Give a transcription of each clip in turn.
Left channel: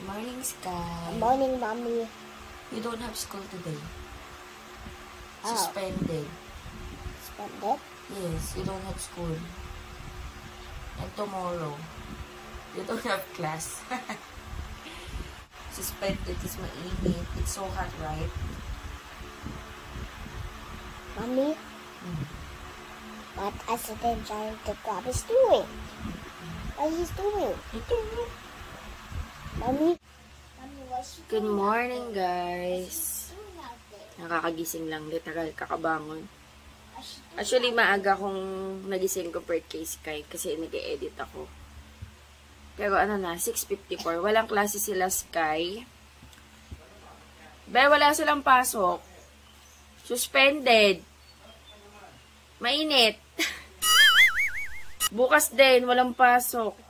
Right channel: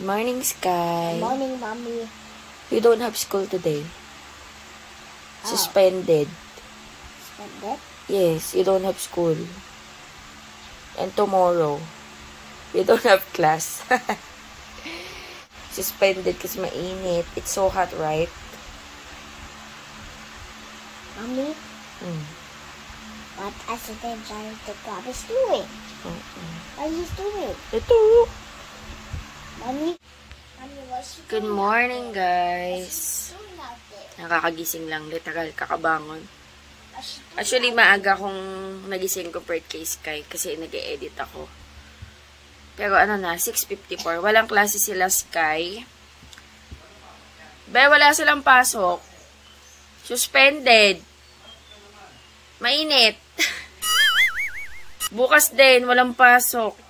Good morning, Sky. Good morning, Mommy. You don't have school today. Oh. Suspended. Suspended? Yes, you don't have school. And tomorrow, you don't have class. Suspended kasi mainit. It's so hot, right? Mommy, what accident are the Bobby's doing? What he's doing? Ito. Mommy, what's he Good doing morning, out there? guys. What's he doing out there? Nakakagising lang. Literal, kakabangon. What's he doing Actually, out there? maaga kong nagising ko per kay Sky kasi nag-e-edit ako. Pero ano na, 6:54. Walang klase sila, Sky. Wala silang pasok. Suspended. Mainit. Bukas din, walang pasok.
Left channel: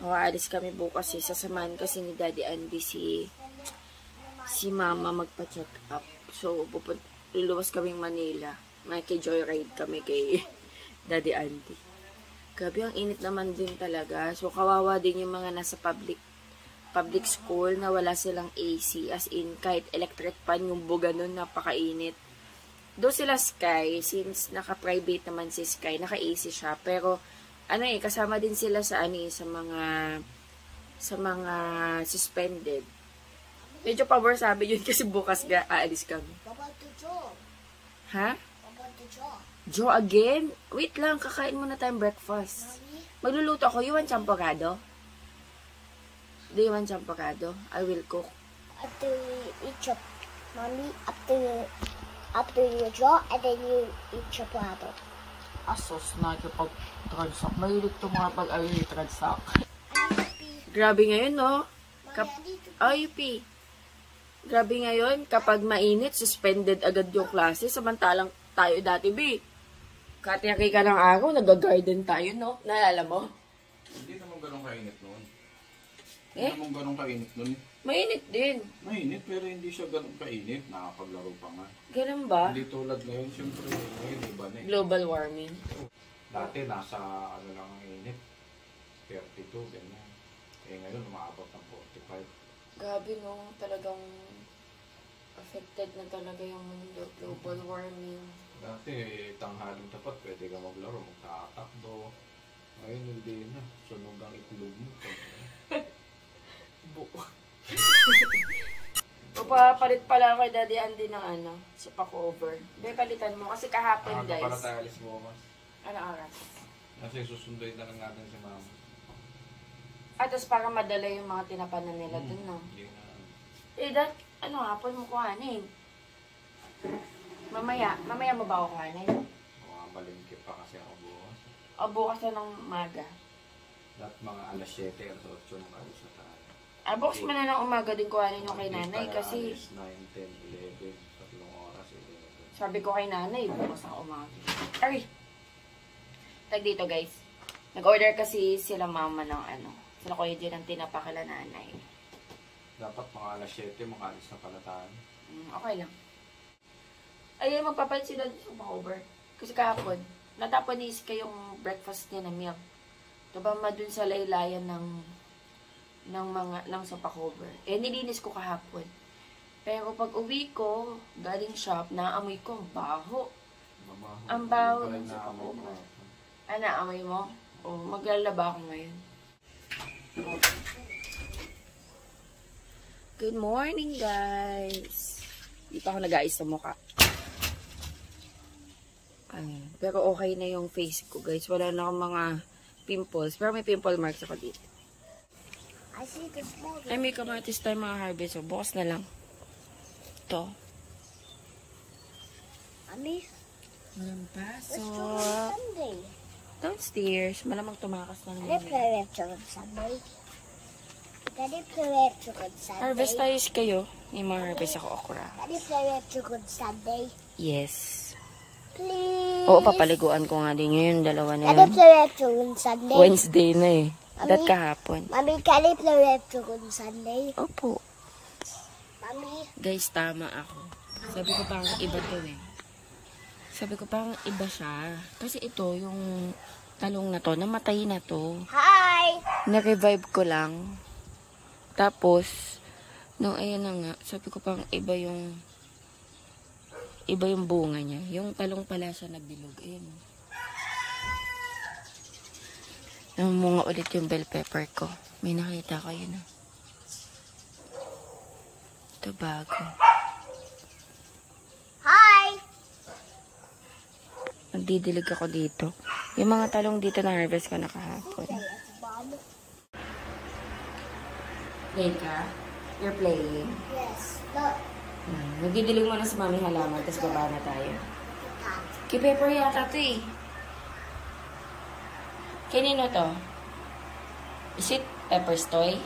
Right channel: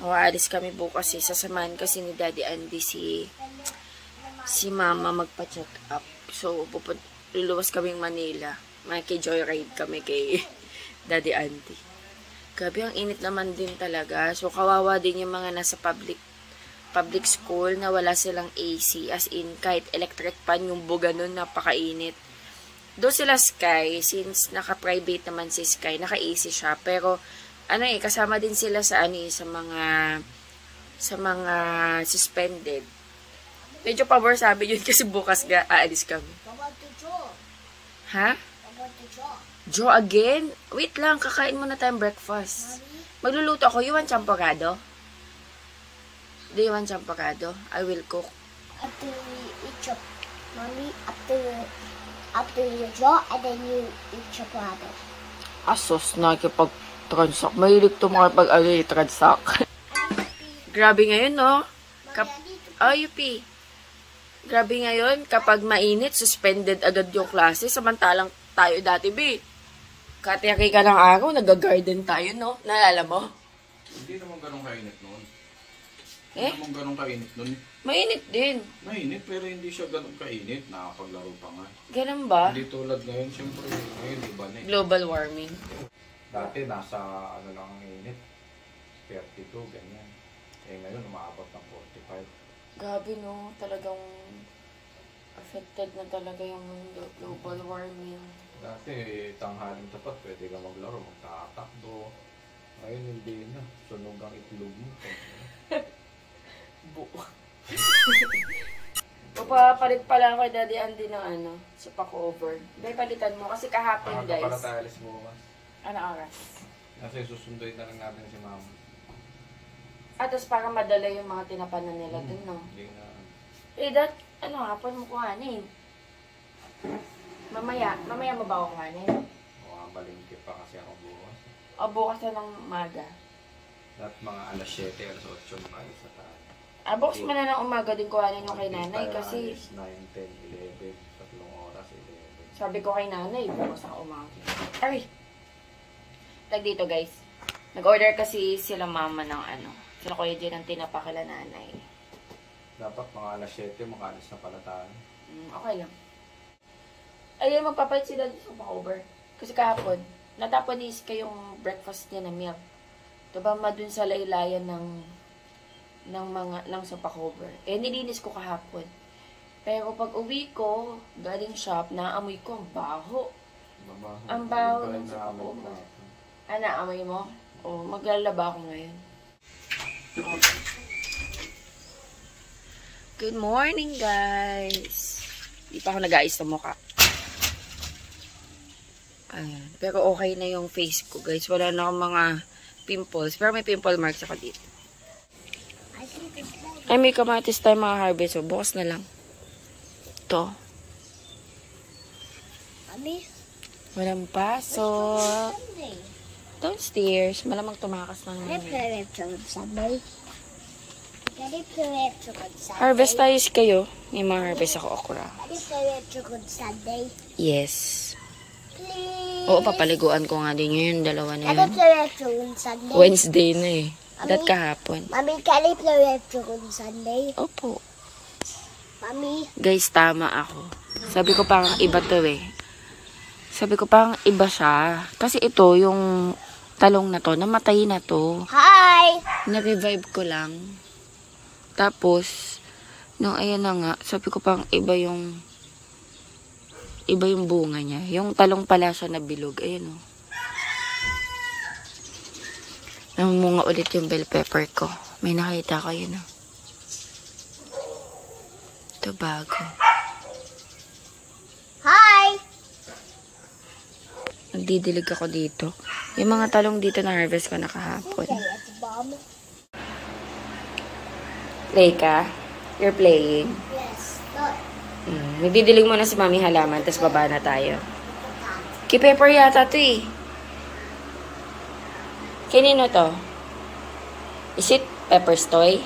Aalis kami bukas eh. Sasamahan kasi ni Daddy Andy si Mama magpa-check up. So, luluwas kaming Manila. Joyride kami kay Daddy Andy. Grabe, ang init naman din talaga. So, kawawa din yung mga nasa public school na wala silang AC. As in, kahit electric fan yung buga nun, napakainit. Doon sila Sky, since naka-private naman si Sky, naka-AC siya. Pero, kasama din sila sa mga suspended. Medyo pabor sabi yun kasi bukas aalis kami. About the jaw. Ha? About the jaw. Joe again? Wait lang, kakain muna tayong breakfast. Magluluto ako. You want champurrado? Do you want champurrado? I will cook. After you eat your... Mommy, after you draw, and then you eat your brother. Asos, nakikipag-transact. Mahilig ito makipag-transact. Grabe ngayon, no? UP. Grabe ngayon, kapag mainit, suspended agad yung klase. Samantalang tayo dati, B. Katiyaki ka ng araw, nag-garden tayo, no? Naalala mo? Hindi naman ganun kainit noon. Eh? Hindi naman ganun kainit noon. Mainit din. Mainit pero hindi siya ganun kainit. Nakapaglaro pa nga. Ganun ba? Hindi tulad ngayon, siyempre ngayon iba na eh. Global warming. Dati nasa ano lang ang init. 32, ganyan. Eh ngayon umaabot ng 45. Grabe, no? Talagang affected na talaga yung mundo. Global warming. Dati tanghaling tapat, pwede ka maglaro, magtatakbo. Ngayon hindi na. Sunog ang itlog mo. Buo. Papalit pa lang kay Daddy Andy ng sopa cover. May palitan mo kasi kahapon, guys. Para tayo alis bukas. Ano oras? Kasi susunduin na lang natin si Mama. Tapos para madala yung mga tinapanan nila dun, no? Hindi na. Hapon mo kuhanin. Mamaya mo ba ako kuhanin? Malingkit pa kasi ako bukas. O bukas na ng maga. Dapat mga alas 7, alas 8 mga alis na tayo. Bukas mo na ng umaga din kuhanin yung kay nanay kasi 9, 10, 11, 3 oras, 11. sabi ko kay nanay, bukas ang umaga. Ay! Tag dito, guys. Nag-order kasi sila mama ng sila kuya dyan ng tinapa kala nanay. Dapat mga alas 7, mga alis na pala tayo. Okay lang. Ay, magpapalit sila sa over. Kasi kahapon, natapon ni Iska yung breakfast niya na milk. Diba dun sa laylayan ng sopa cover. Nilinis ko kahapon. Pero pag uwi ko, galing shop, naamoy ko, ang baho. Ang baho ng sopa cover. Naamoy mo? Maglalaba ako ngayon. Good morning, guys. Di pa ako nag-aayos ng mukha. Ayan. Pero okay na yung face ko, guys. Wala na akong mga pimples. Pero may pimple marks ako dito. Ay, may kamatis tayo mga harvest. So, bukas na lang. Ito. Mommy, Walang pasok. Sunday. Downstairs. Malamang tumakas na Can naman I yun. play retro on Sunday? Can I play retro on Sunday? Harvest tayo kayo. May mga harvest ako okra. Can I play retro on Sunday? Yes. Please. Oo, papaliguan ko nga din yun. Dalawa na Can I yun. play retro on Sunday? Wednesday na eh. Dat kahapon. Mommy, can I play retro on Sunday? Opo. Mommy, Guys, tama ako. Sabi ko parang iba to eh. Sabi ko parang iba siya. Kasi ito, yung talong na to, namatay na to. hi! Na-revive ko lang. Tapos, no, ayan na nga. Sabi ko pang iba yung bunga niya. Yung talong pala siya na bilog. Ayan, oh. Namunga ulit yung bell pepper ko. May nakita ko yun, oh. Ito bago. Hi! Nagdidilig ako dito. Yung mga talong dito na harvest ko na kahapon. Play ka? You're playing? Yes. But Nagdidilig muna si Mami halaman, tapos baba na tayo. Key-pepper yata to eh. Kanino to? Is it Pepper's toy?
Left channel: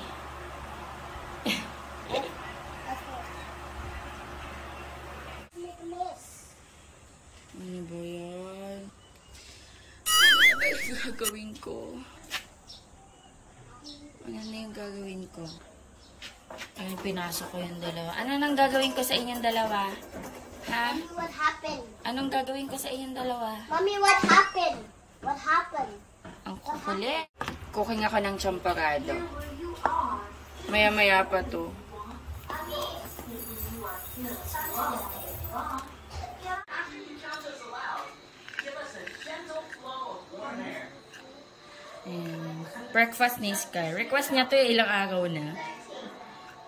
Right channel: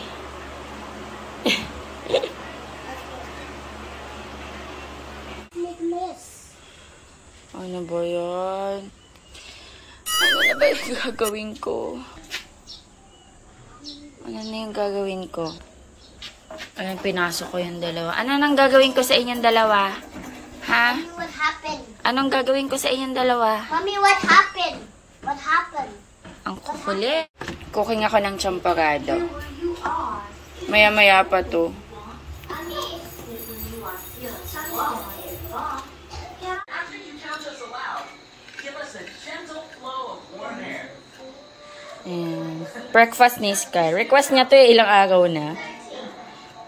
Ano ba yan? Ano na ba yung gagawin ko? Ano na yung gagawin ko? Ayan, pinasok ko yung dalawa. Ano nang gagawin ko sa inyong dalawa? Ha? Mommy, what happened? Anong gagawin ko sa inyong dalawa? Mommy, what happened? What happened? Ang kukulit. Cooking ako ng champorado. Maya-maya pa to. Ayan. Breakfast ni Sky. Request niya to ilang araw na.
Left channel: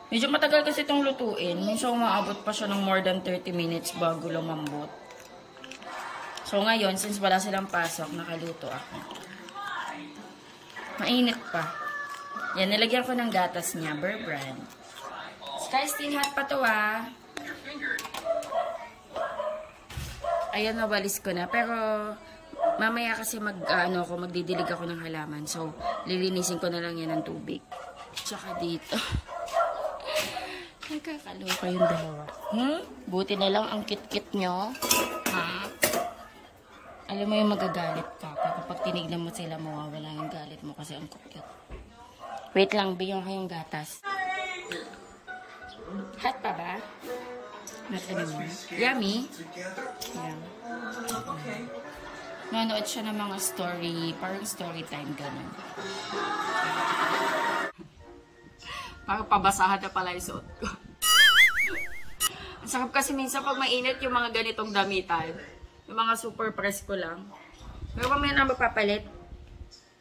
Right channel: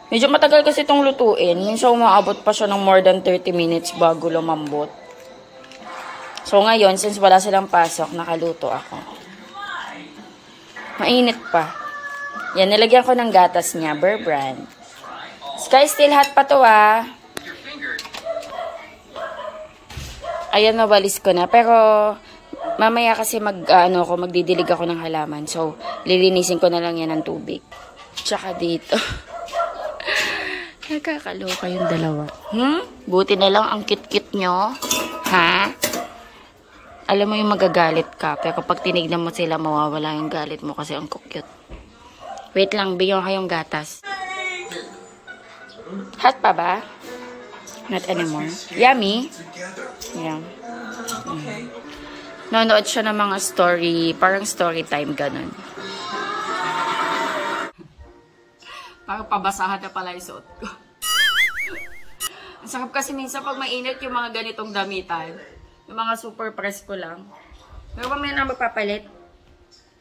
Medyo matagal kasi itong lutuin. Minsan umaabot pa siya ng more than 30 minutes bago lumambot. So ngayon, since wala silang pasok, nakaluto ako. Mainit pa. Yan, nilagyan ko ng gatas niya. Bear Brand. Sky, still hot pa to ah. Ayan, nawalis ko na. Pero mamaya kasi magdidilig ako ng halaman. So, lilinisin ko na lang yan ng tubig. Tsaka dito. Nakakaloka yung dalawa. Buti na lang ang kit-kit nyo. Ha? Alam mo yung magagalit ka. Pero kapag tinignan mo sila, mawawala yung galit mo kasi ang cute. Wait lang, bigyan ko kayong gatas. Hot pa ba? Not anymore. Yummy? Yeah. Nanonood siya ng mga story, parang story time, ganun. Parang pabasahan na pala yung suot ko. Ang sarap kasi minsan pag mainit yung mga ganitong damitan. Yung mga super presko lang. Pero pag may na magpapalit,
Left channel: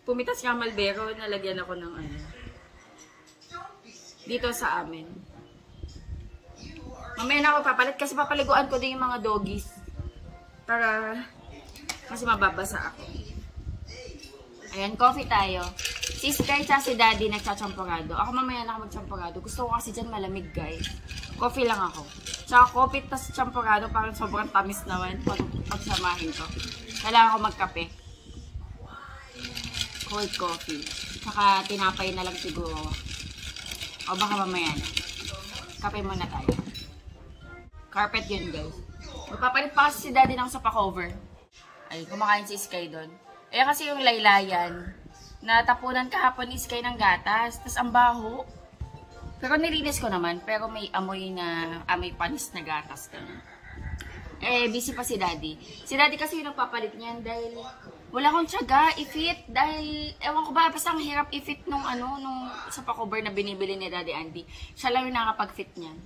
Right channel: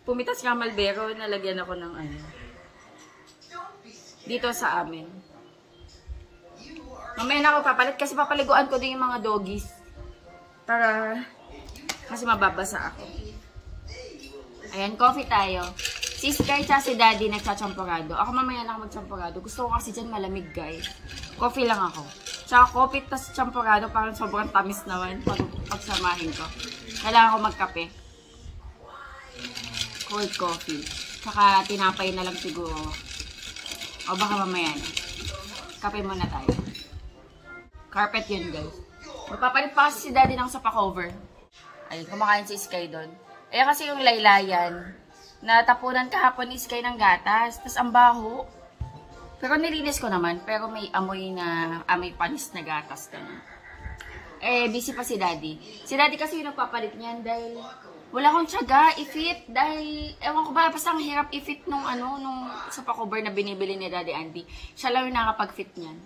pumitas nga Malbero, nalagyan ako ng ano. Dito sa amin. Mamaya na ako papalit kasi papaliguan ko din yung mga doggies. Para kasi mababasa ako. Ayan, coffee tayo. Si Sky sa si Daddy nagtsatsamporado. Ako mamaya na ako magtsamporado. Gusto ko kasi dyan malamig, guys. Coffee lang ako. Tsaka coffee tas tsamporado parang sobrang tamis naman pagsamahin ko. Kailangan ko magkape. Cold coffee. Tsaka tinapay na lang siguro. O baka mamaya na. Kape muna tayo. Carpet yun, guys. Magpapalit pa kasi si Daddy ng sofa cover. Ay, kumakain si Sky doon. Ayan kasi yung laylayan. Natapunan kahapon ni Sky ng gatas. Tapos ang baho. Pero nilinis ko naman. Pero may amoy panis na gatas. Ganun. Eh, busy pa si Daddy. Si Daddy kasi yung nagpapalit niyan dahil wala akong tiyaga i-fit. Dahil, ewan ko ba, basta ang hirap i-fit nung sofa cover na binibili ni Daddy Andy. Siya lang yung nakapag-fit niyan.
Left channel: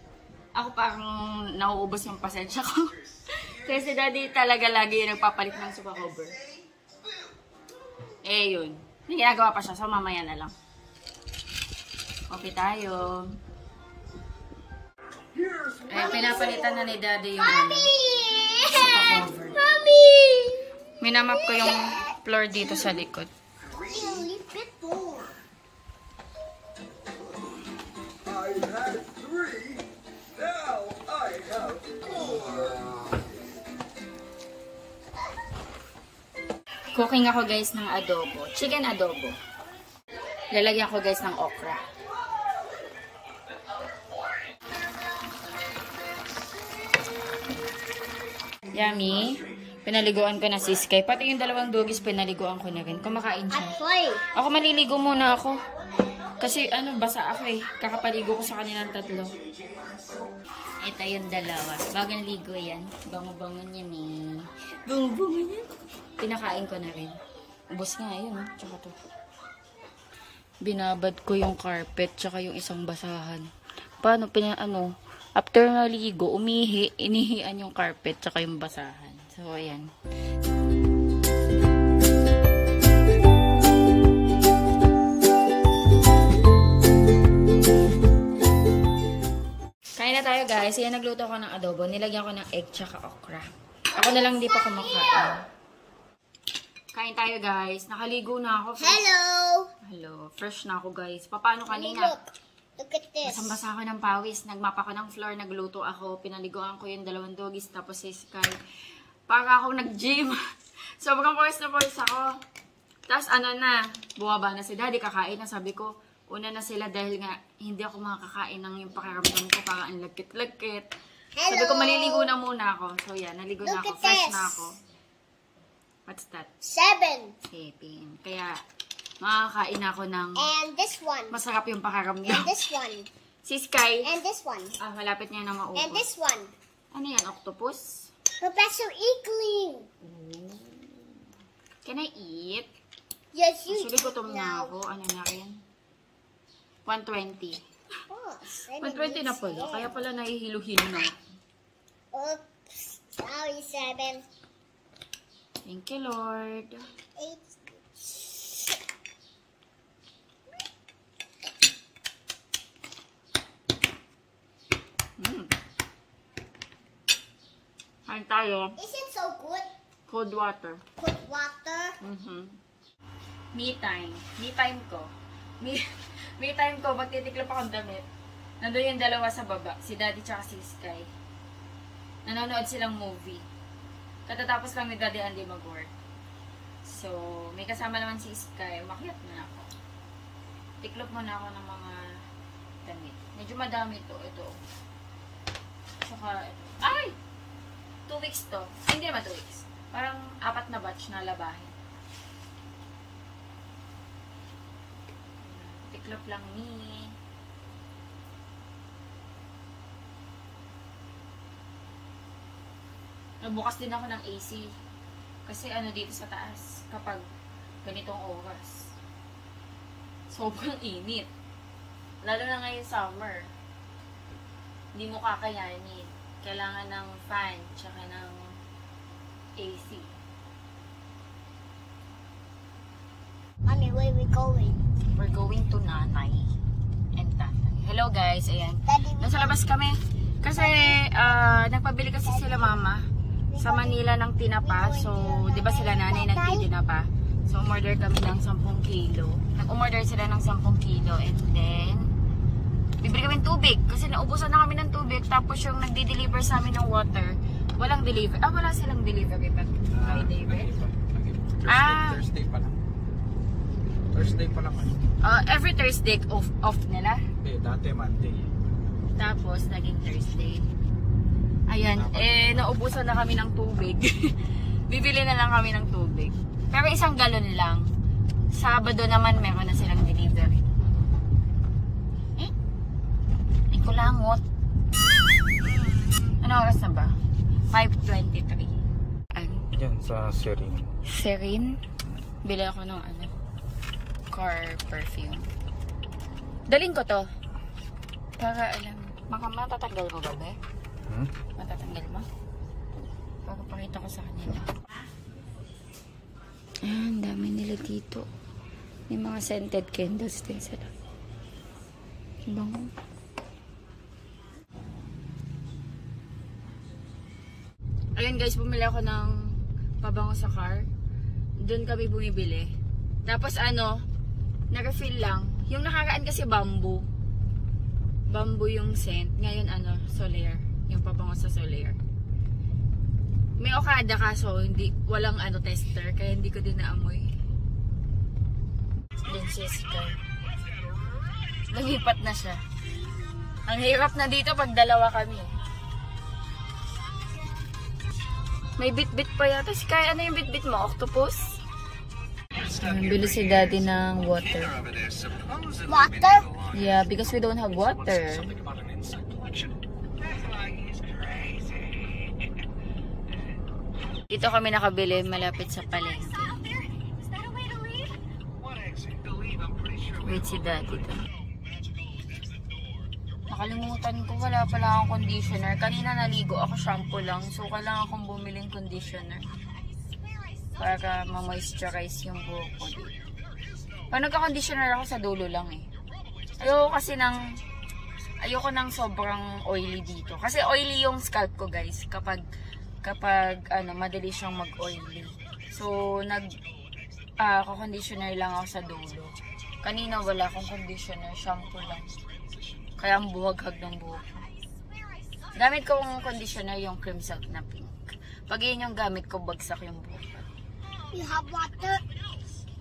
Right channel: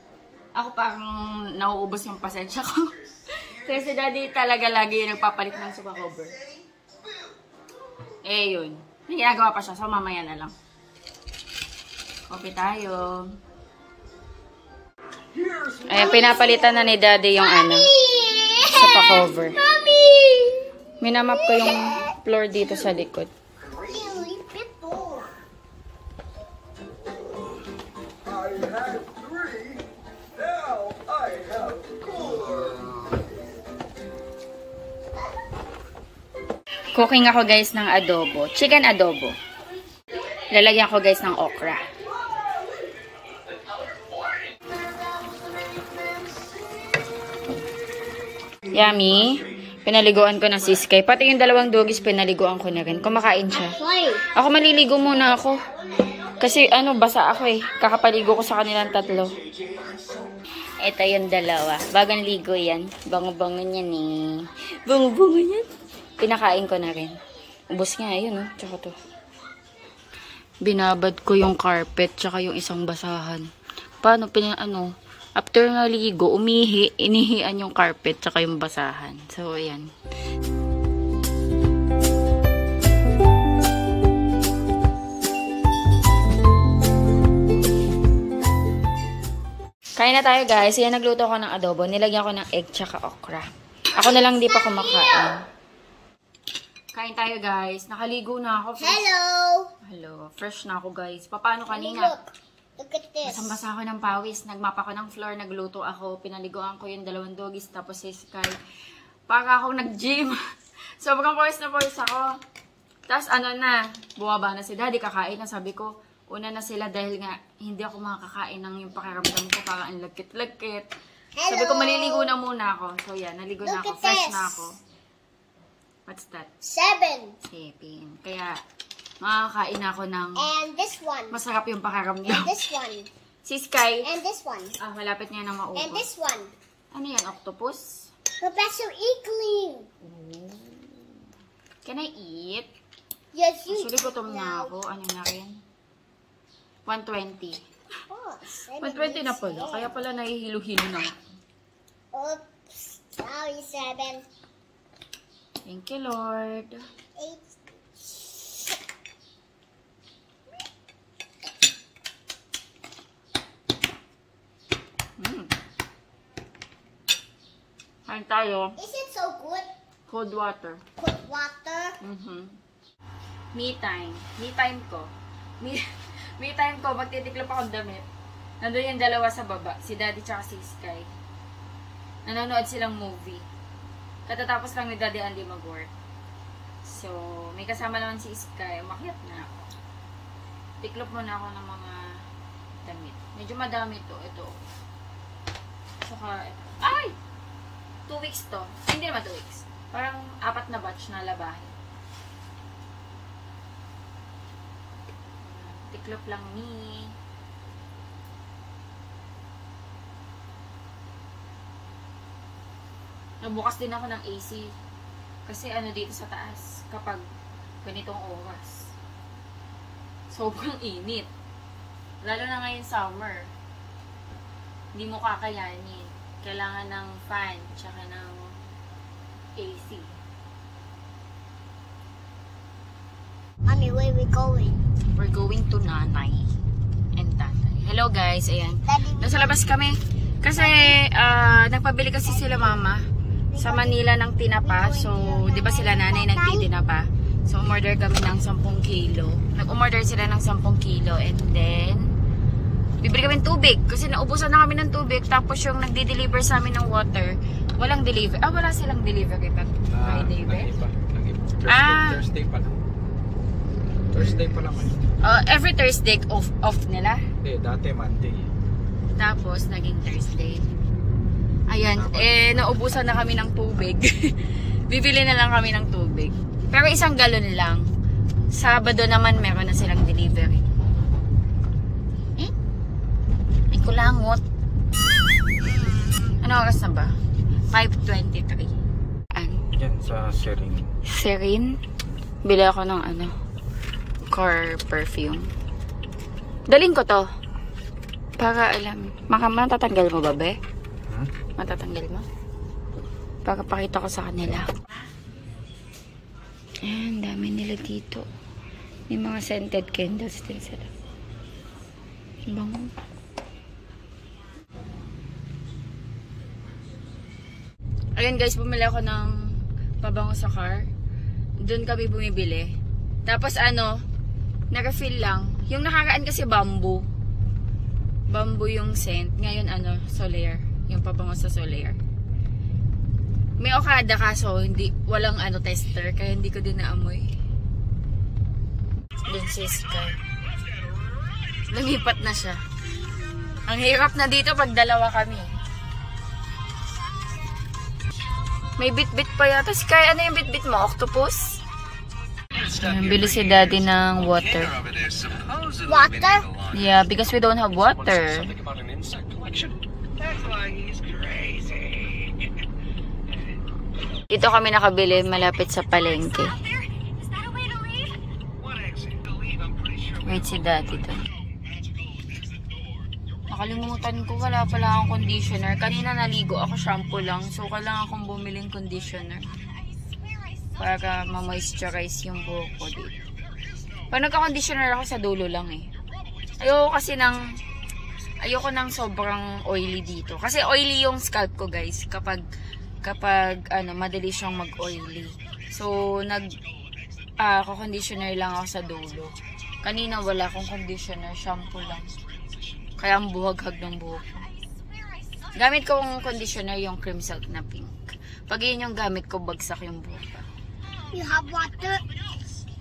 Ako parang nauubos yung pasensya ko. Kasi si Daddy talaga lagi yung nagpapalit ng sofa cover. Eh, yun. May ginagawa pa siya. So, mamaya na lang. Coffee tayo. Ayan, pinapalitan na ni Daddy yung sofa cover. Mommy! Minamap ko yung floor dito sa likod. Cooking ako guys ng adobo. Chicken adobo. Lalagyan ko guys ng okra. Yummy. Pinaliguan ko na si Sky. Pati yung dalawang doggies pinaliguan ko na rin. Kumakain siya. Ako maliligo muna ako. Kasi basa ako eh. Kakapaligo ko sa kanilang tatlo. Ito yung dalawa. Bagang ligo yan. Bango-bango yan eh. Bango-bango yan. Pinakain ko na rin. Ubos nga, yun, oh. Tsaka to. binabad ko yung carpet tsaka yung isang basahan. Paano, after naligo, inihian yung carpet tsaka yung basahan. So, ayan. Kain na tayo guys. Ayan, nagluto ko ng adobo. Nilagyan ko ng egg tsaka okra. Ako na lang di pa kumakain. Kain tayo guys. Nakaligo na ako. Hello. Fresh na ako guys. Paano kanina? Look at this. Basang-basa ako ng pawis. Nagmapa ko ng floor. Nagluto ako. Pinaliguan ko yung 2 doggies. Tapos si Sky. Para ako nag-gym. Sobrang pawis na pawis ako. Tapos bumaba na si Daddy. Kakain na. Sabi ko, una na sila dahil nga hindi ako makakain ng yung pakiramdam ko. Parang ang lagkit-lagkit. Sabi ko, maliligo na muna ako. So yan, naligo na ako. Fresh na ako. What's that? 7. 7. Kaya, makakain ako ng And this one. masarap yung pakiramdam. And this one. Si Sky. And this one. Malapit niya na maubos. And this one. Ano yan? Octopus? Professor Inkling. Can I eat? Yes, you. Actually, gutom na ako. Ano na rin? 120. Oh, 120 na pala. Kaya pala nahihilo-hilo na ako. Oops. Sorry, 7. Thank you, Lord. 8. Kain tayo. Is it so good? Cold water. Cold water. Me time. Me time ko. Me time ko, magtitiklop akong damit. Nandun yung dalawa sa baba. Si Daddy tsaka si Sky. Nanonood silang movie. Katatapos lang ni Daddy Andy mag-work. So, may kasama naman si Sky. Umakyat na ako. Tiklop muna ako ng mga damit. Medyo madami to. Ito. Saka, ito. Ay! 2 weeks to. Ay, hindi naman 2 weeks. Parang 4 na batch na labahin. Tiklop lang ni. Nagbukas din ako ng AC. Kasi dito sa taas, kapag ganitong oras, sobrang init. Lalo na ngayon summer. Hindi mo kakayanin. Kailangan ng fan, tsaka ng AC. Mommy, where are we going? We're going to Nanay and Tatay. Hello guys, ayan. Nasa labas kami. Kasi, nagpabili kasi sila mama sa Manila ng tinapa. So, di ba sila nanay nagtitinapa? So, umorder kami ng 10 kilo. Nag-umorder sila ng 10 kilo. And then, bibili kami ng tubig. Kasi naubusan na kami ng tubig. Tapos yung nagdi-deliver sa amin ng water, walang deliver. Wala silang delivery pa. Friday ba? Thursday pa lang. Thursday pa lang. Every Thursday off nila. Dati Monday. Tapos, naging Thursday. Ayan, naubusan na kami ng tubig. Bibili na lang kami ng tubig. Pero 1 galon lang. Sabado naman meron na silang delivery. Ay, kulangot. Ano oras na ba? 5:23. Yan sa Serin. Serin? Bili ako ng car perfume. Dalhin ko to. Para alam. Matatanggal mo ba, be? Matatanggal mo? Para pakita ko sa kanila. Ayan, dami nila dito. May mga scented candles din sila. Bango. Ayan guys, bumili ako ng pabango sa car. Doon kami bumibili. Tapos nag-refill lang. Yung nakaraan kasi bamboo. Bamboo yung scent. Ngayon Soler. Yung pabango sa Soler. May Okada kaso walang tester kaya hindi ko din naamoy. Dun si Sky. Lumipat na siya. Ang hirap na dito pag dalawa kami. May bit-bit pa yata. Sky, ano yung bit-bit mo? Octopus? Bili si Daddy ng water. Water? Yeah, because we don't have water. Dito kami nakabili malapit sa palengke. Wait, si daddy doon. Nakalimutan ko, wala pala akong conditioner. Kanina naligo ako, shampoo lang. So, kailangan akong bumiling conditioner. Para ma-moisturize yung buhok ko dito. Pag nagka-conditioner ako, sa dulo lang eh. Ayoko ng sobrang oily dito. Kasi oily yung scalp ko, guys. Kapag madali siyang mag-oily. So, conditioner lang ako sa dulo. Kanina wala akong conditioner, shampoo lang. Kaya ang buhaghag ng buhok. Gamit kong conditioner yung cream silk na pink. Pag yun yung gamit ko, bagsak yung buhok. You have water?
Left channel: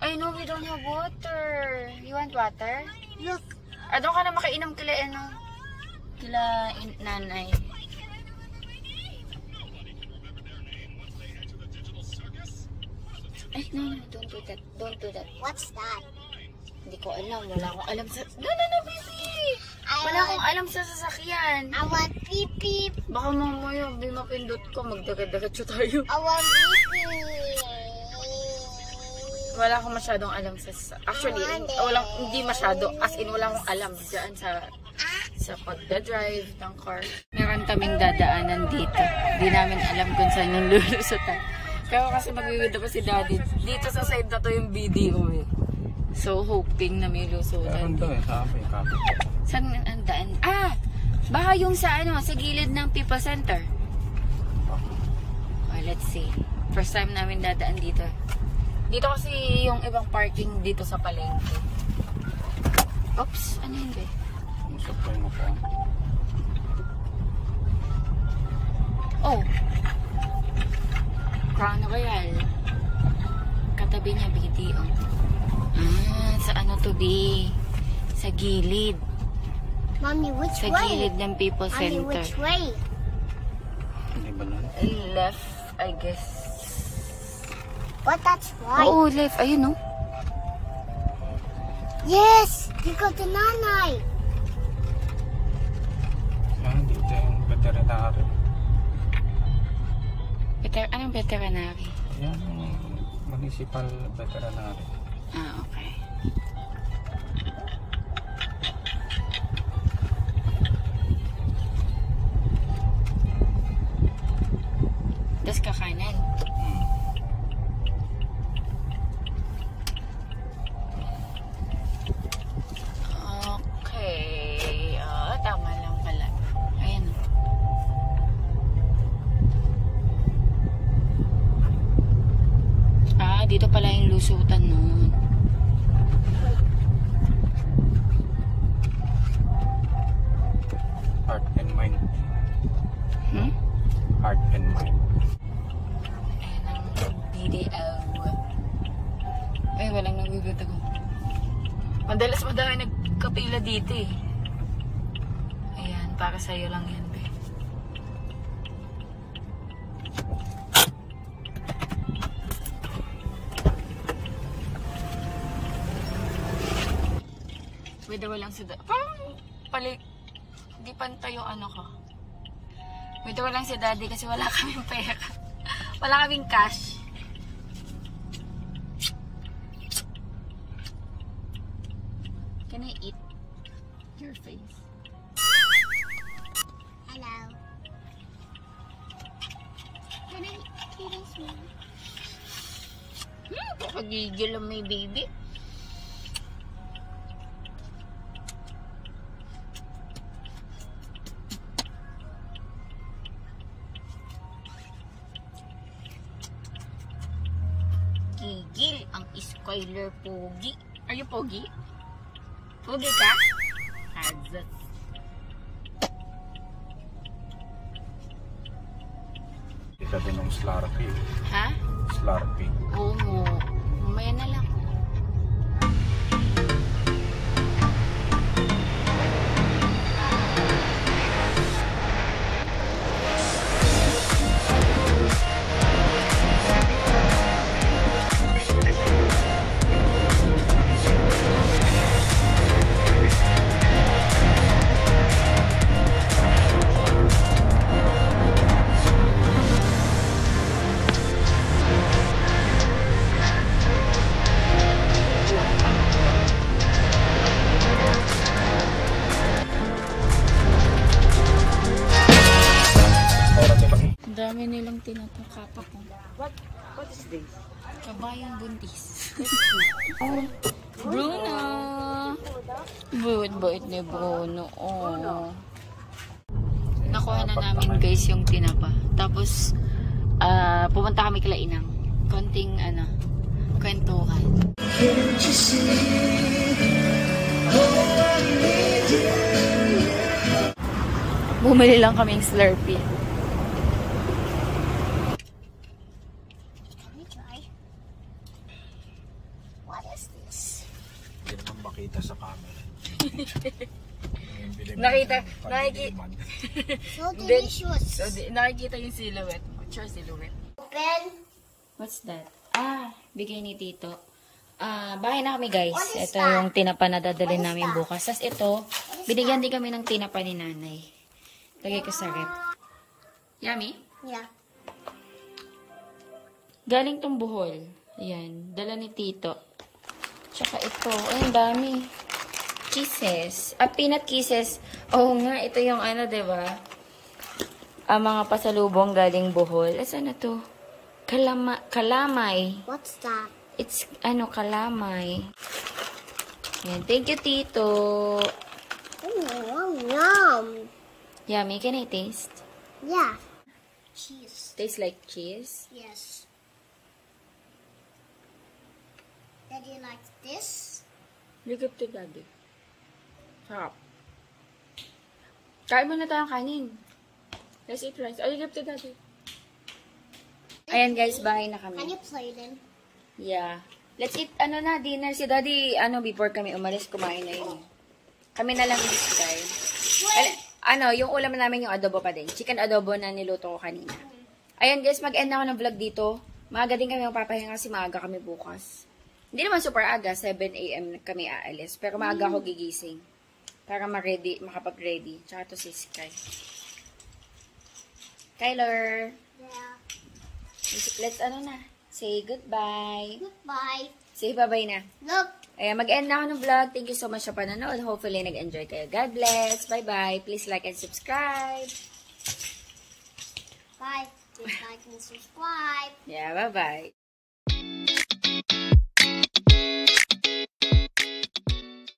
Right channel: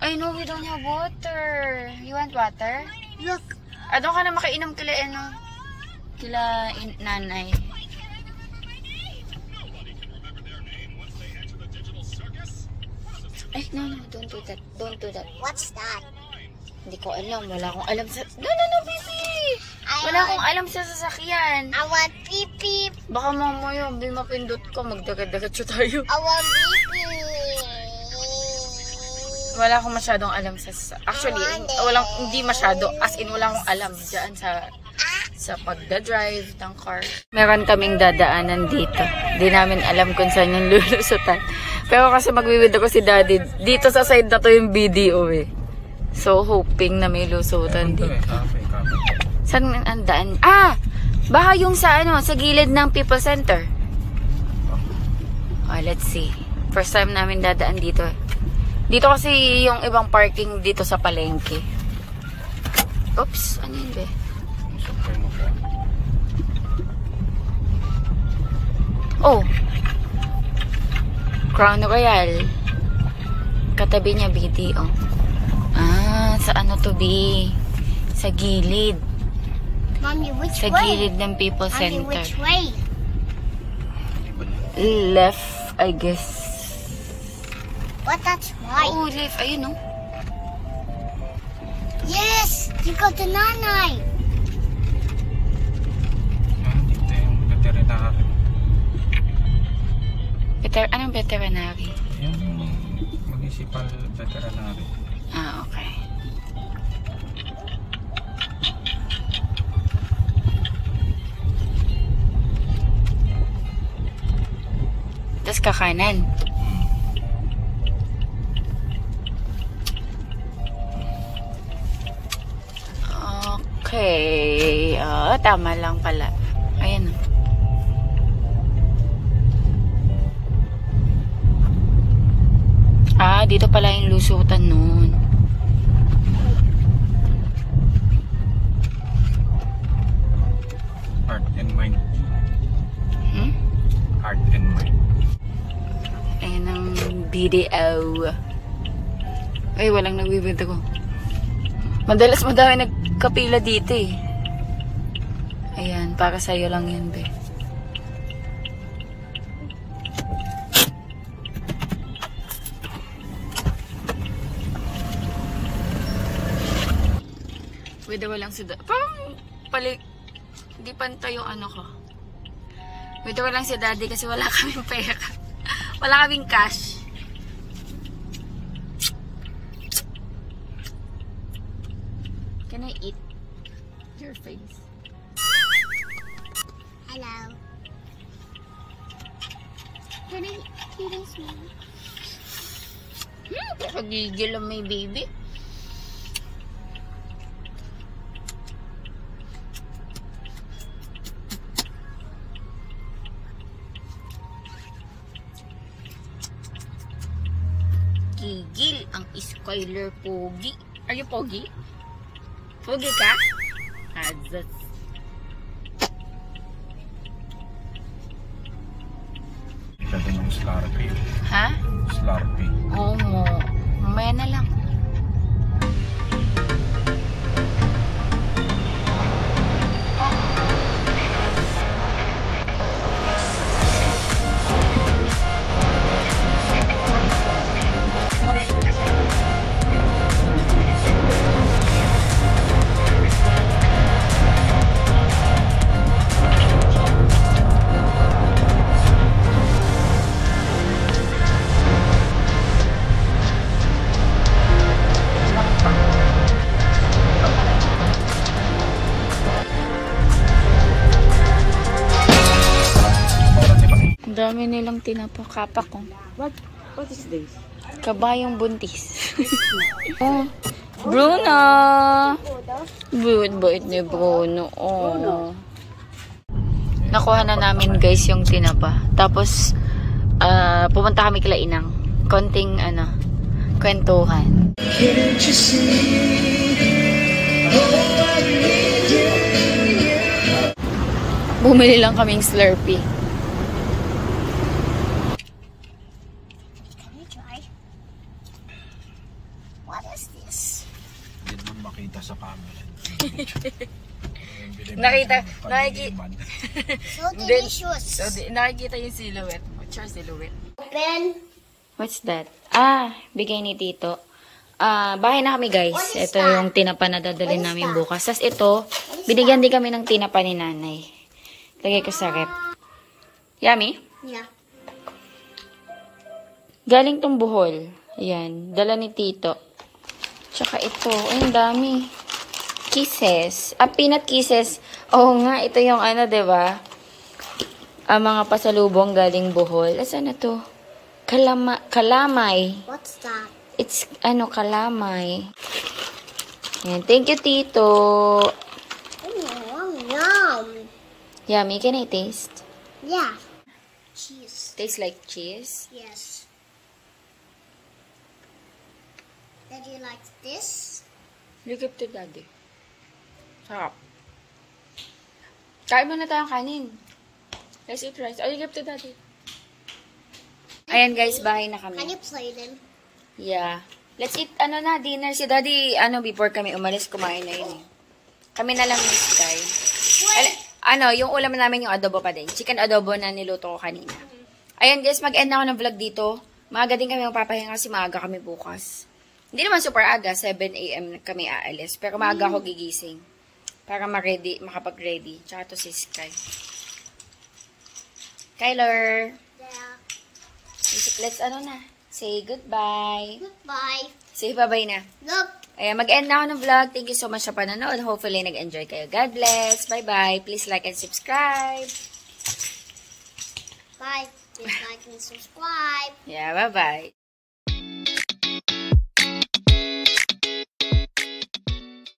I know we don't have water. You want water? Look. Doon ka na makainom kila nanay. Ay, no, don't do that. Don't do that. What's that? Hindi ko alam. Wala akong alam sa... No, baby! Wala akong alam sa sasakyan. I want pee-pee. Baka mamaya, mapindot ko. Magdagat-dagat tayo. I want pee-pee. Wala akong masyadong alam sa... Actually, hindi masyado. As in, wala akong alam dyan sa pagdadrive ng car. Meron kaming dadaanan dito. Di namin alam kung saan yung lulusutan. Pero kasi magwiwid ako si daddy. Dito sa side na to yung BDO eh. So, hoping na may lusutan dito. Saan ang daan? Baka yung sa gilid ng People Center. Let's see. First time namin dadaan dito. Dito kasi yung ibang parking dito sa palengke. Oops, ano yun be? Oh. Crown Royal. Katabi niya BDO. Sa ano to be? Sa gilid. Mommy, which Sa way? gilid ng People Mommy, Center. which way? Left, I guess. What, that's right? Oo, left. Ayun, no? Yes! You got the nanay! Dito yung veterinary. Anong veterinary? Yung municipal veterinary. Okay. Tapos kakanan. Okay. Tama lang pala. Ayan. Dito pala yung lusutan nun. Heart and mind. Heart and mind. Ayan ang BDO. Ay, walang nagbibenta ko. Madalas madami nagkapila dito eh. Ayan, para sa'yo lang yan, be. Pwede walang si daddy. Parang hindi pantay yung ano ko. Pwede walang si daddy kasi wala kaming pera. Wala kaming cash. Can I eat your face? Hello. Can I this one? Pagigil ang may baby. Gigil ang Skyler Pogi. Are you Pogi? Pogi ka? Adzas. Isa din yung Slurpee. Ha? Slurpee. Oo. Mamaya na lang. Dami nilang tinapa. Kapak ko. What is this? Kabayong buntis. Oh, Bruno! Bait ni Bruno. Oh. Nakuha na namin guys yung tinapa. Tapos, pumunta kami kila Inang. Konting, kwentuhan. Bumili lang kaming Slurpee. Can you try? What is this? Hindi naman makita sa camera. So delicious. Nakikita yung silhouette. What's your silhouette? Open. What's that? Bigay ni Tito. Bahay na kami guys. Ito yung tinapa na dadalhin namin bukas. Tapos ito, binigyan din kami ng tinapa ni Nanay. Lagay ko sa rep. Yummy? Yeah. Galing tong buhol. Ayan. Dala ni Tito. Tsaka ito. Ay, ang dami. Kisses. Peanut kisses. Oo nga, ito yung diba? Mga pasalubong galing buhol. Asan na to? Kalamay. What's that? It's, kalamay. Ayan. Thank you, Tito. Yum, yum. Yummy. Can I taste? Yeah. Cheese. Tastes like cheese. Yes. Did you like this? You give to Daddy. Sarap. Kain muna tayong kanin. Let's eat rice. Oh, you give to Daddy. Ayan guys, bahay na kami. Can you play them? Yeah. Let's eat, dinner. Si Daddy, before kami umalis, kumain na yun eh. Kami na lang ni Sky. Yung ulam namin yung adobo pa din. Chicken adobo na niluto ko kanina. Ayan guys, mag-end na ako ng vlog dito. Maaga din kami magpapahinga kasi maaga kami bukas. Hindi naman super aga, 7 AM kami aalis. Pero maaga ako gigising. Para makapag-ready. Tsaka to si Sky. Kyler. Yeah. Let's say goodbye. Goodbye. Say bye-bye na. Look. Ayan, mag-end na ako ng vlog. Thank you so much sa panonood. Hopefully, nag-enjoy kayo. God bless. Bye-bye. Please like and subscribe. Bye. Please like and subscribe. Yeah, bye-bye.